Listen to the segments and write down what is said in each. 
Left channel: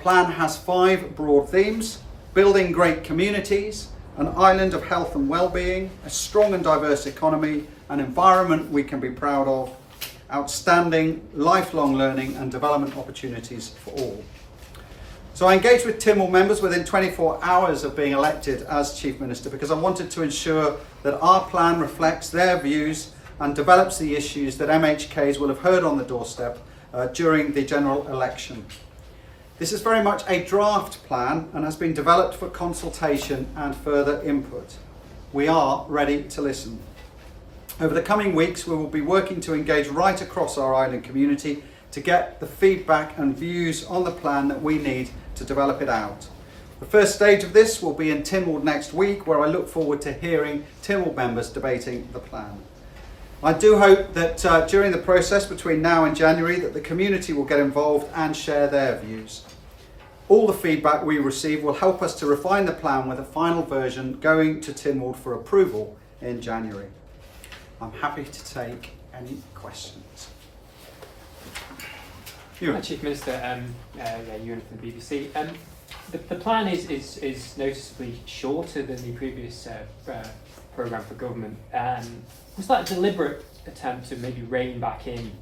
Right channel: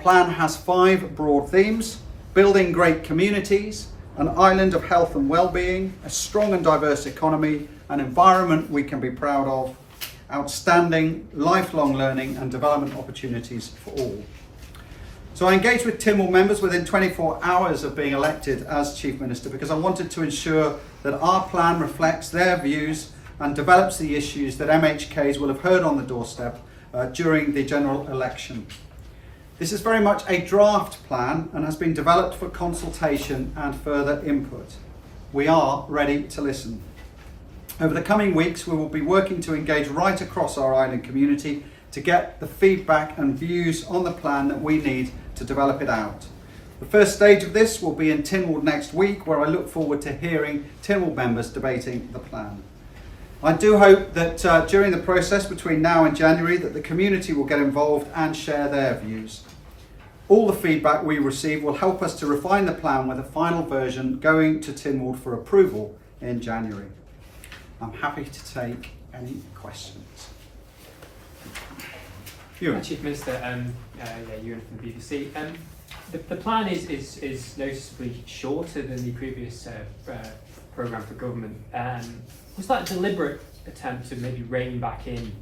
Plan has 5 broad themes: building great communities, an island of health and well-being, a strong and diverse economy, an environment we can be proud of, outstanding lifelong learning and development opportunities for all. So I engaged with Tynwald members within 24 hours of being elected as Chief Minister because I wanted to ensure that our plan reflects their views and develops the issues that MHKs will have heard on the doorstep during the general election. This is very much a draft plan and has been developed for consultation and further input. We are ready to listen. Over the coming weeks, we will be working to engage right across our island community to get the feedback and views on the plan that we need to develop it out. The first stage of this will be in Tynwald next week, where I look forward to hearing Tynwald members debating the plan. I do hope that during the process between now and January that the community will get involved and share their views. All the feedback we receive will help us to refine the plan with a final version going to Tynwald for approval in January. I'm happy to take any questions. Ewan. Chief Minister, Ewan from the BBC. The plan is noticeably shorter than the previous programme for government. Was that a deliberate attempt to maybe rein back in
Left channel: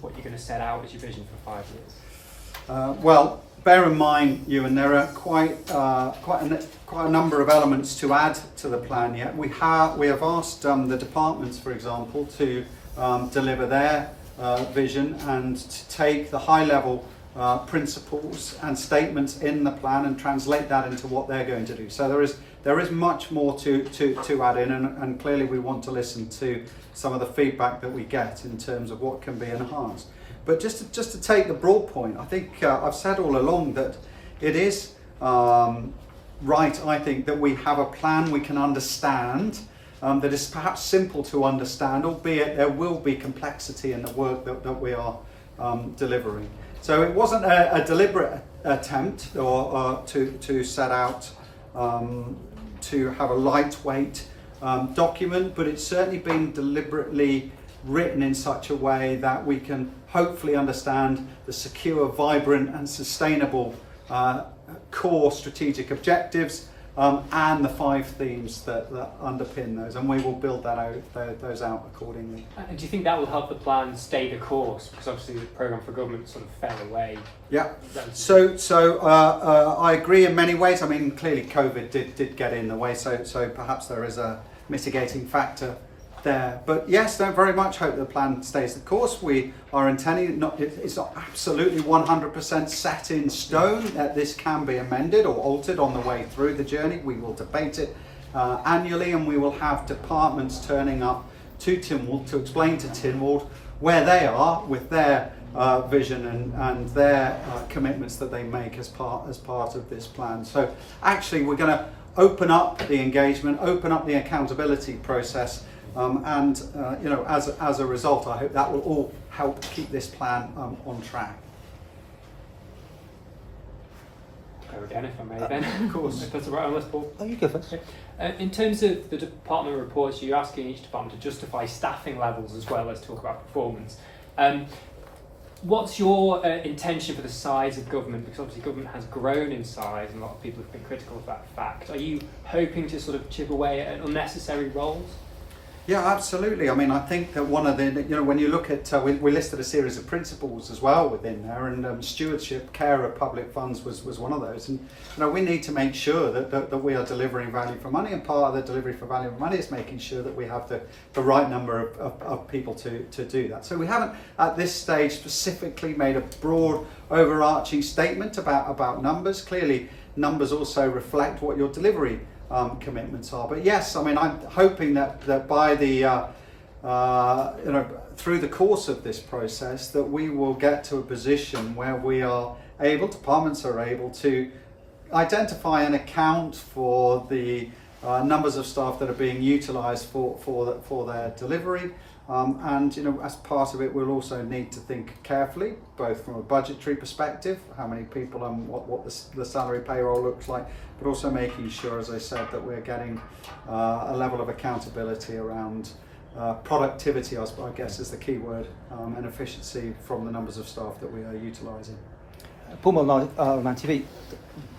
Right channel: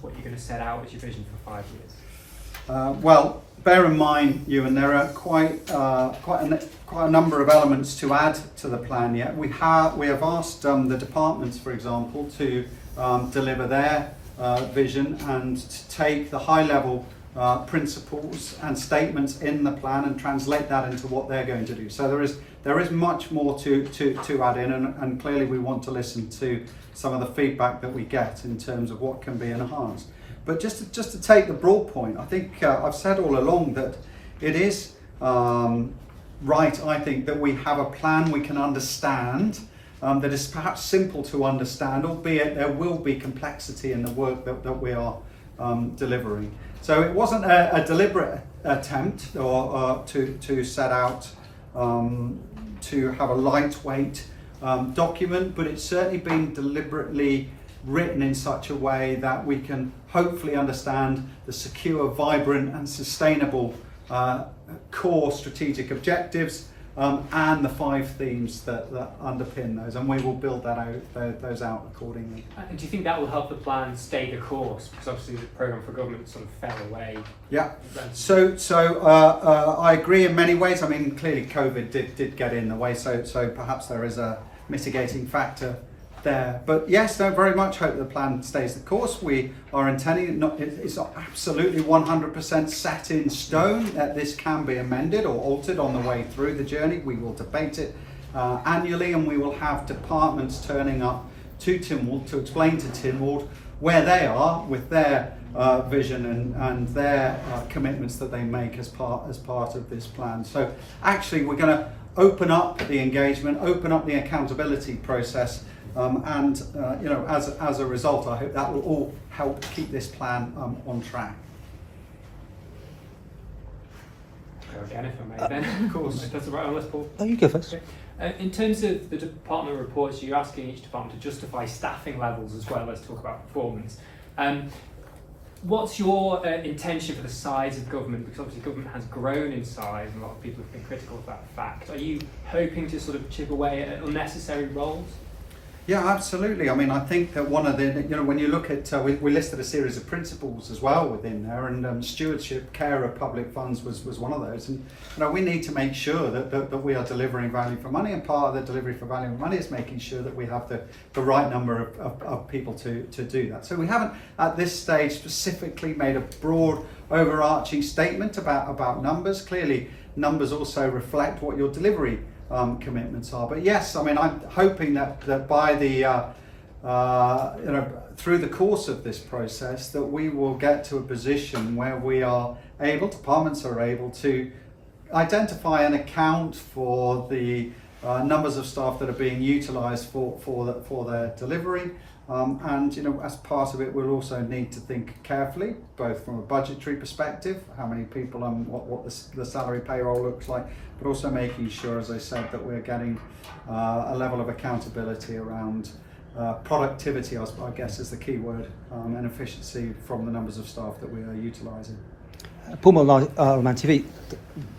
what you're going to set out as your vision for 5 years? Well, bear in mind, Ewan, there are quite a number of elements to add to the plan yet. We have asked the departments, for example, to deliver their vision and to take the high-level principles and statements in the plan and translate that into what they're going to do. So there is much more to add in, and clearly we want to listen to some of the feedback that we get in terms of what can be enhanced. But just to take the broad point, I think I've said all along that it is right, I think, that we have a plan we can understand, that is perhaps simple to understand, albeit there will be complexity in the work that we are delivering. So it wasn't a deliberate attempt to set out to have a lightweight document, but it's certainly been deliberately written in such a way that we can hopefully understand the secure, vibrant and sustainable core strategic objectives and the 5 themes that underpin those, and we will build those out accordingly. And do you think that will help the plan stay the course? Because obviously the programme for government sort of fell away. Yeah, so I agree in many ways. I mean, clearly COVID did get in the way, so perhaps there is a mitigating factor there. But yes, I very much hope the plan stays the course. We are intending it's not absolutely 100% set in stone, that this can be amended or altered on the way through the journey. We will debate it annually, and we will have departments turning up to Tynwald to explain to Tynwald where they are with their vision and their commitments that they make as part of this plan. So actually we're going to open up the engagement, open up the accountability process, and as a result, I hope that will all help keep this plan on track. Go again, if I may, then. Of course. If that's all right, unless Paul. No, you go first. Okay. In terms of the department reports, you're asking each department to justify staffing levels as well as talk about performance. What's your intention for the size of government? Because obviously government has grown in size and a lot of people have been critical of that fact. Are you hoping to sort of chip away at unnecessary roles? Yeah, absolutely. I mean, I think that one of the, when you look at, we listed a series of principles as well within there, and stewardship, care of public funds was one of those. And we need to make sure that we are delivering value for money, and part of the delivery for value for money is making sure that we have the right number of people to do that. So we haven't at this stage specifically made a broad overarching statement about numbers. Clearly, numbers also reflect what your delivery commitments are. But yes, I mean, I'm hoping that by the through the course of this process, that we will get to a position where we are able, departments are able to identify and account for the numbers of staff that are being utilised for their delivery. And as part of it, we'll also need to think carefully, both from a budgetary perspective, how many people and what the salary payroll looks like, but also making sure, as I said, that we're getting a level of accountability around productivity, I guess is the key word, and efficiency from the numbers of staff that we are utilising. Paul on TV.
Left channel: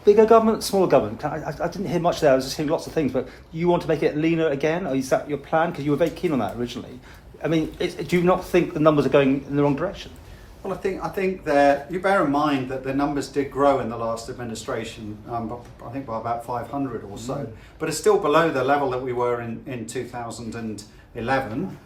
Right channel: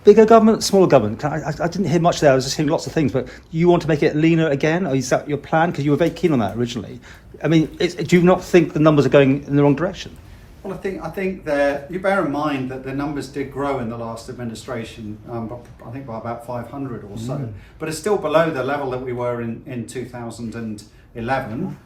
Bigger government, smaller government. I didn't hear much there. I was just hearing lots of things. But you want to make it leaner again, or is that your plan? Because you were very keen on that originally. I mean, do you not think the numbers are going in the wrong direction? Well, I think that you bear in mind that the numbers did grow in the last administration, I think by about 500 or so, but it's still below the level that we were in 2011.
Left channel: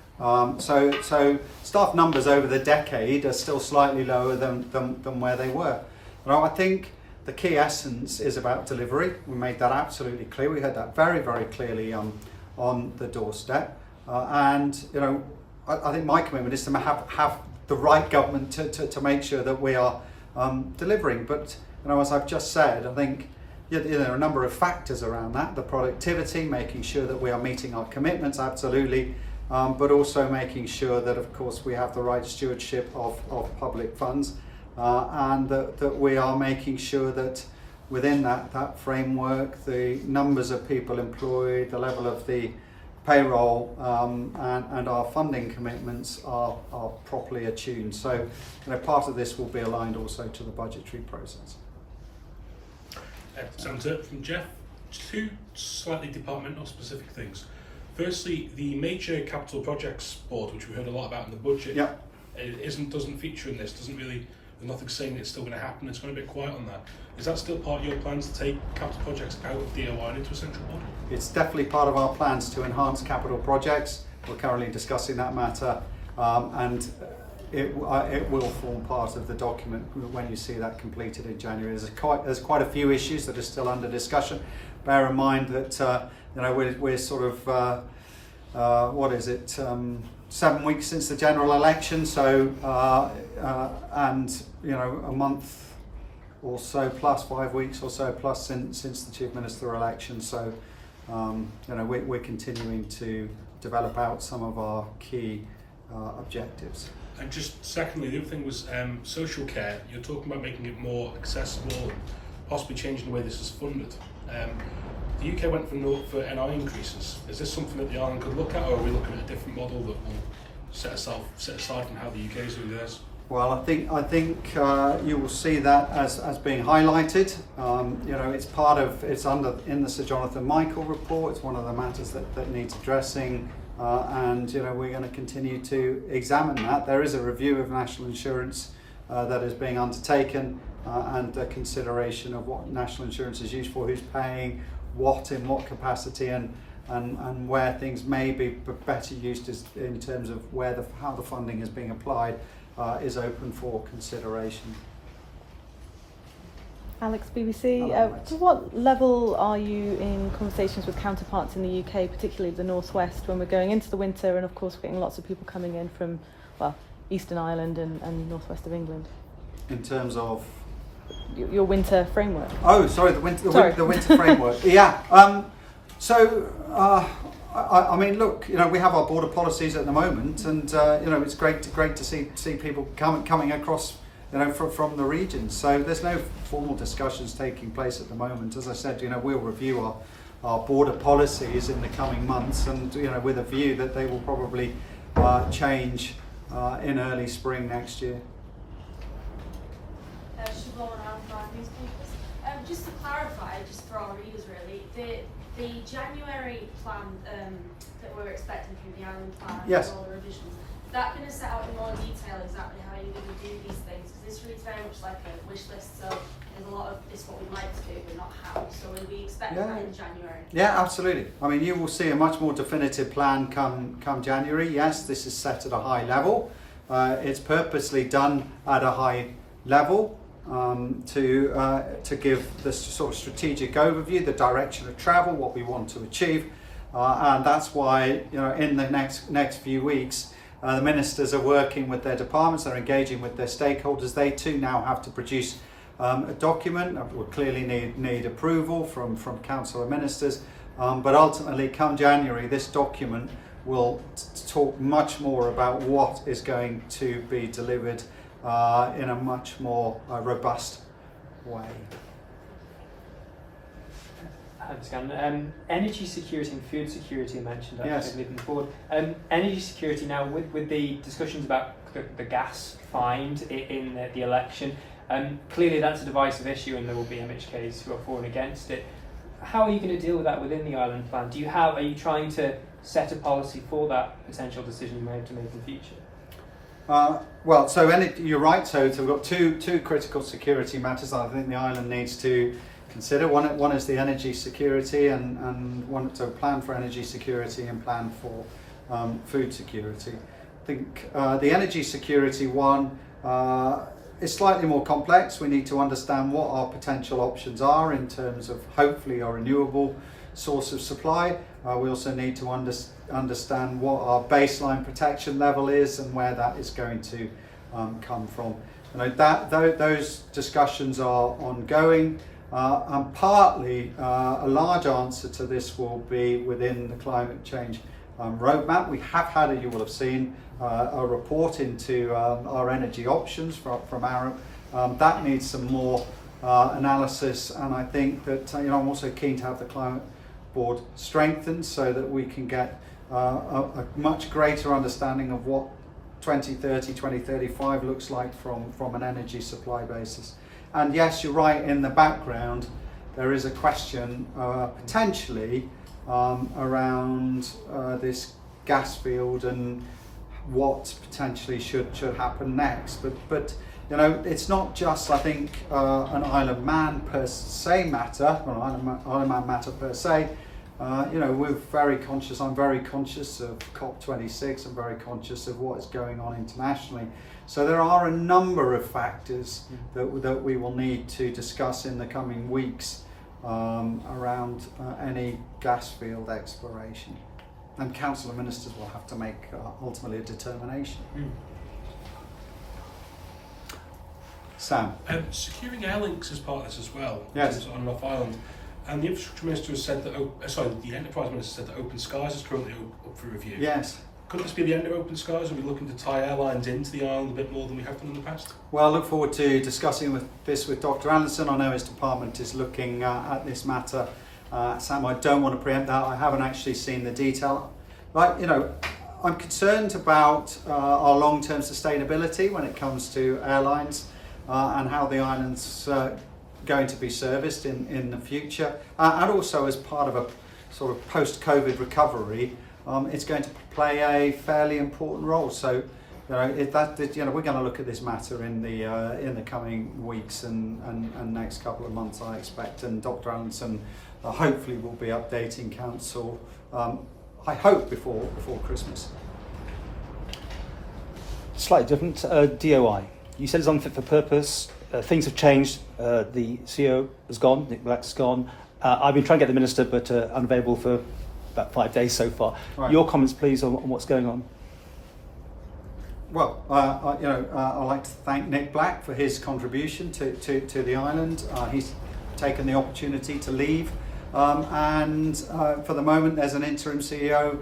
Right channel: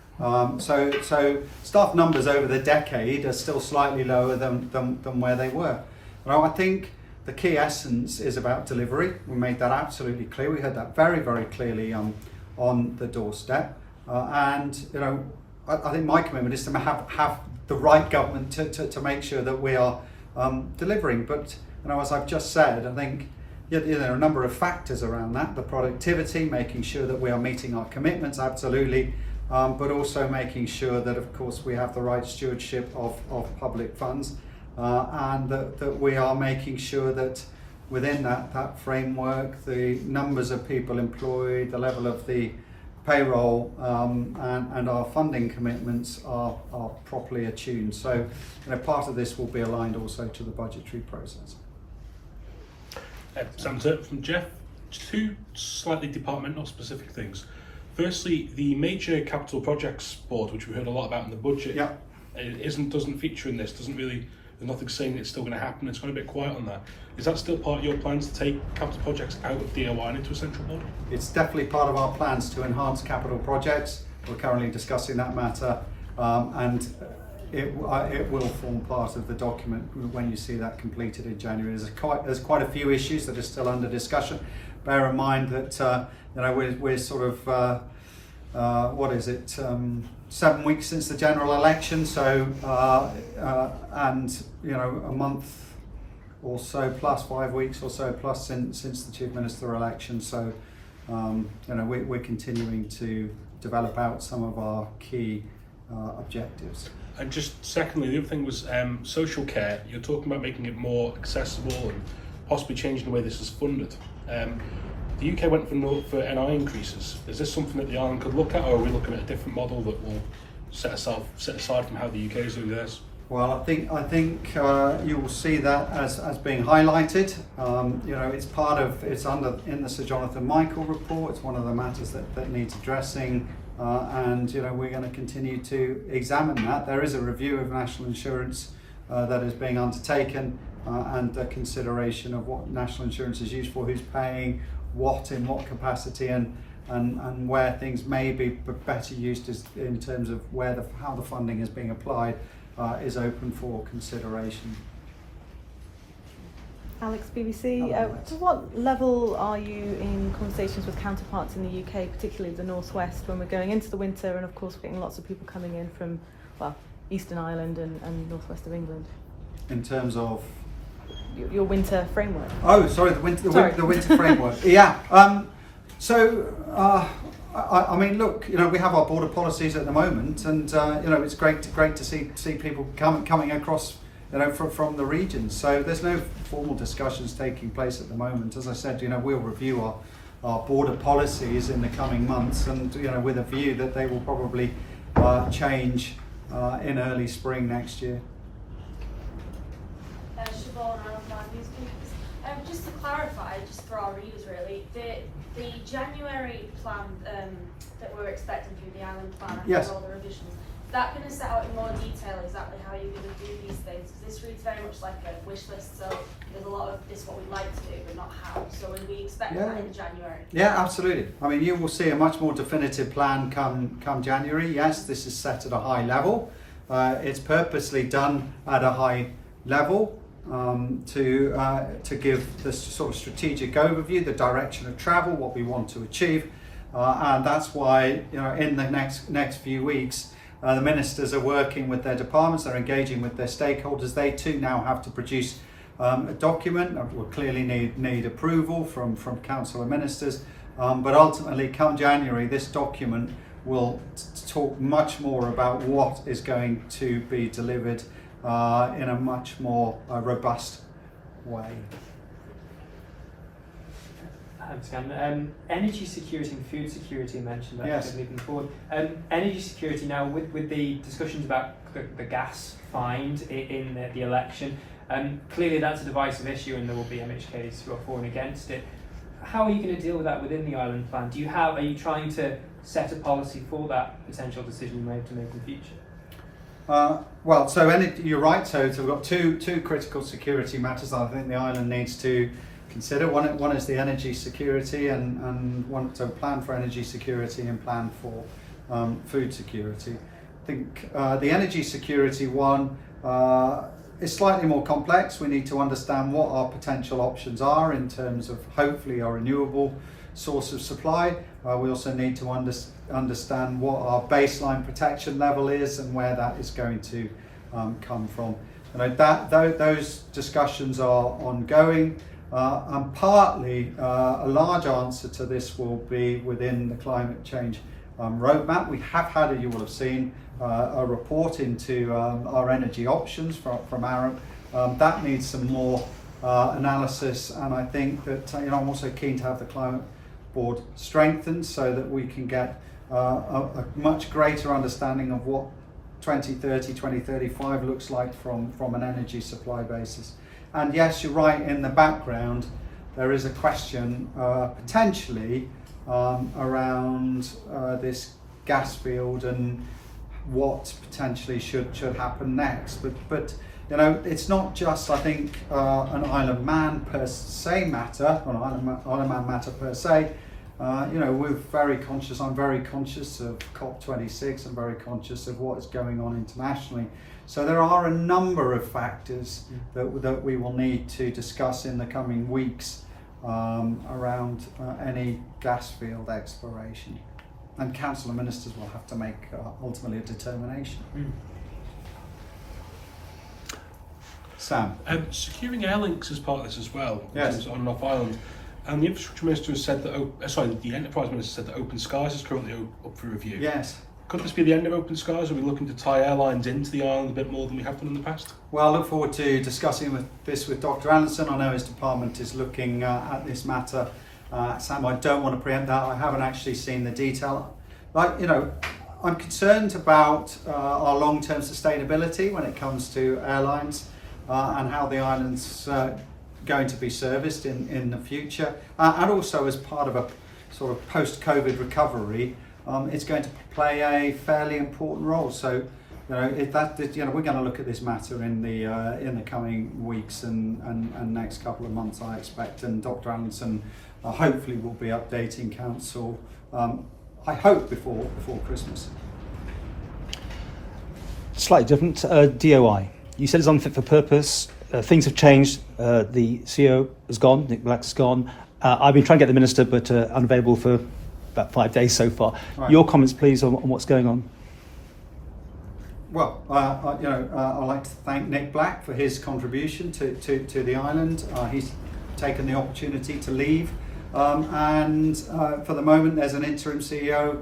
So staff numbers over the decade are still slightly lower than where they were. Well, I think the key essence is about delivery. We made that absolutely clear. We heard that very, very clearly on the doorstep. And I think my commitment is to have the right government to make sure that we are delivering. But as I've just said, I think there are a number of factors around that. The productivity, making sure that we are meeting our commitments, absolutely, but also making sure that, of course, we have the right stewardship of public funds, and that we are making sure that within that framework, the numbers of people employed, the level of the payroll, and our funding commitments are properly attuned. So part of this will be aligned also to the budgetary process. From Jeff, two slightly departmental specific things. Firstly, the major capital projects board, which we heard a lot about in the budget, doesn't feature in this. There's nothing saying it's still going to happen. It's gone a bit quiet on that. Is that still part of your plans to take capital projects out of DOI and into a central board? It's definitely part of our plans to enhance capital projects. We're currently discussing that matter, and it will form part of the document when you see that completed in January. There's quite a few issues that are still under discussion. Bear in mind that we're sort of 7 weeks since the general election, so and a month or so plus, 5 weeks or so plus since the Chief Minister election. So we're continuing to develop out some of our key objectives. And just secondly, the other thing was social care. You're talking about making it more accessible and possibly changing the way this is funded. The UK went for NI increases. Is this something that the island could look at, or are we looking at a different model that will set aside from how the UK is doing theirs? Well, I think you will see that as being highlighted. It's in the Sir Jonathan Michael report. It's one of the matters that needs addressing, and we're going to continue to examine that. There is a review of national insurance that is being undertaken, and a consideration of what national insurance is used for, who's paying what in what capacity, and where things may be better used in terms of how the funding is being applied. Is open for consideration. Alex, BBC. To what level are you in conversations with counterparts in the UK, particularly the Northwest, when we're going into the winter, and of course we're getting lots of people coming in from Eastern Ireland and northwest of England? In terms of your winter framework. Oh, sorry, the winter framework. Yeah. I mean, look, we have our border policies at the moment, and it's great to see people coming across, from the region. So there's no formal discussions taking place at the moment. As I said, we'll review our border policies in the coming months, and with a view that they will probably change in early spring next year. Just to clarify, just for our readers really, the January plan that we were expecting through the Island Plan yes. and all the revisions, is that going to set out in more detail exactly how you're going to do these things? Because this reads very much like a wish list, so there's a lot of this what we'd like to do, but not how. So will we expect that in January? Yeah, absolutely. I mean, you will see a much more definitive plan come January. Yes, this is set at a high level. It's purposely done at a high level. To give this sort of strategic overview, the direction of travel, what we want to achieve, and that's why in the next few weeks the ministers are working with their departments, they're engaging with their stakeholders. They too now have to produce a document that will clearly need approval from council and ministers, but ultimately come January this document will talk much more about what is going to be delivered in a much more robust way. Thanks, Cannan. Energy security and food security mentioned. Yes. Forward. Energy security now, with the discussions about the gas find in the election, Clearly that's a divisive issue and there will be MHKs who are for and against it. How are you going to deal with that within the island plan? Are you trying to set a policy for that potential decision you may have to make in the future? Well, so you're right. So we've got two critical security matters I think the island needs to consider. One is the energy security and one, so plan for energy security and plan for food security. I think the energy security one is slightly more complex. We need to understand what our potential options are in terms of hopefully a renewable source of supply. We also need to understand what our baseline protection level is and where that is going to come from. And those discussions are ongoing, and partly a large answer to this will be within the climate change roadmap. We have had, you will have seen, a report into our energy options from Arup. That needs some more analysis, and I think that I'm also keen to have the climate board strengthened so that we can get a much greater understanding of what 2030, 2035 looks like from an energy supply basis. And yes, you're right, in the background there is a question potentially around this gas field and what potentially should happen next. But it's not just, I think, an Isle Man per se matter, or an Isle Man matter per se. We're very conscious. I'm very conscious of COP26. I'm very conscious of what is going on internationally. So there are a number of factors that we will need to discuss in the coming weeks around any gas field exploration. And Council of Ministers will have to make ultimately a determination. Sam? Securing air links is part of this as well. Yes. On and off island. And the Infrastructure Minister has said that, the Enterprise Minister said that Open Skies is currently up for review. Yes. Could this be the end of Open Skies? Are we looking to tie airlines into the island a bit more than we have done in the past? Well, I look forward to discussing this with Dr. Allenson. I know his department is looking at this matter. Sam, I don't want to preempt that. I haven't actually seen the detail. I'm concerned about our long-term sustainability when it comes to airlines and how the island's going to be serviced in the future. And also as part of a sort of post-COVID recovery, it's going to play a fairly important role. So, we're going to look at this matter in the coming weeks and next couple of months, I expect. And Dr. Allenson hopefully will be updating Council. I hope before Christmas. Slightly different. DOI. You said it's unfit for purpose. Things have changed. The CEO is gone. Nick Black's gone. I've been trying to get the minister, but unavailable for about 5 days so far. Right. Your comments, please, on what's going on. Well, I'd like to thank Nick Black for his contribution to the island. He's taken the opportunity to leave, and for the moment, there's an interim CEO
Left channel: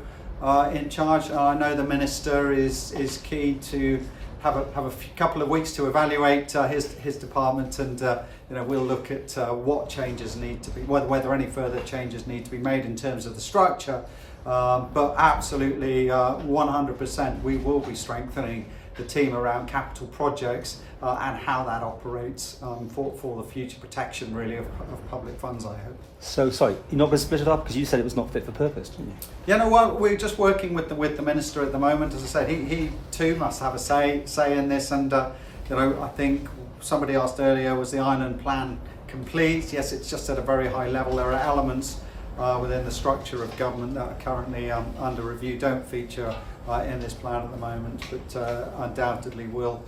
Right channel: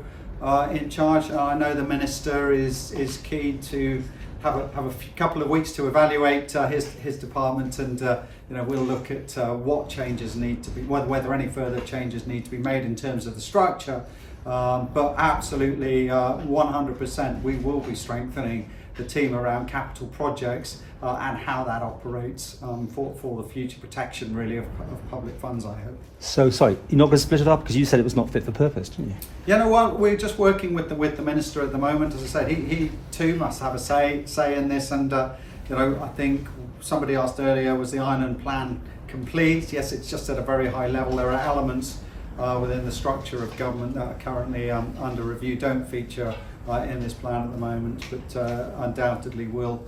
in charge. I know the minister is keen to have a couple of weeks to evaluate his department, and we'll look at what changes need to be, whether any further changes need to be made in terms of the structure. But absolutely, 100%, we will be strengthening the team around capital projects and how that operates for the future protection, really, of public funds, I hope. So, sorry, you're not going to split it up because you said it was not fit for purpose, didn't you? We're just working with the minister at the moment. As I said, he too must have a say in this. And I think somebody asked earlier, was the Island Plan complete? Yes, it's just at a very high level. There are elements within the structure of government that are currently under review, don't feature in this plan at the moment, but undoubtedly will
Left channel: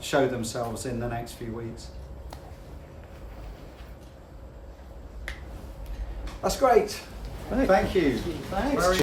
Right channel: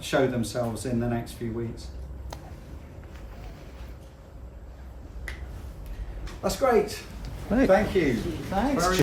show themselves in the next few weeks. That's great. Thank you. Thanks. Very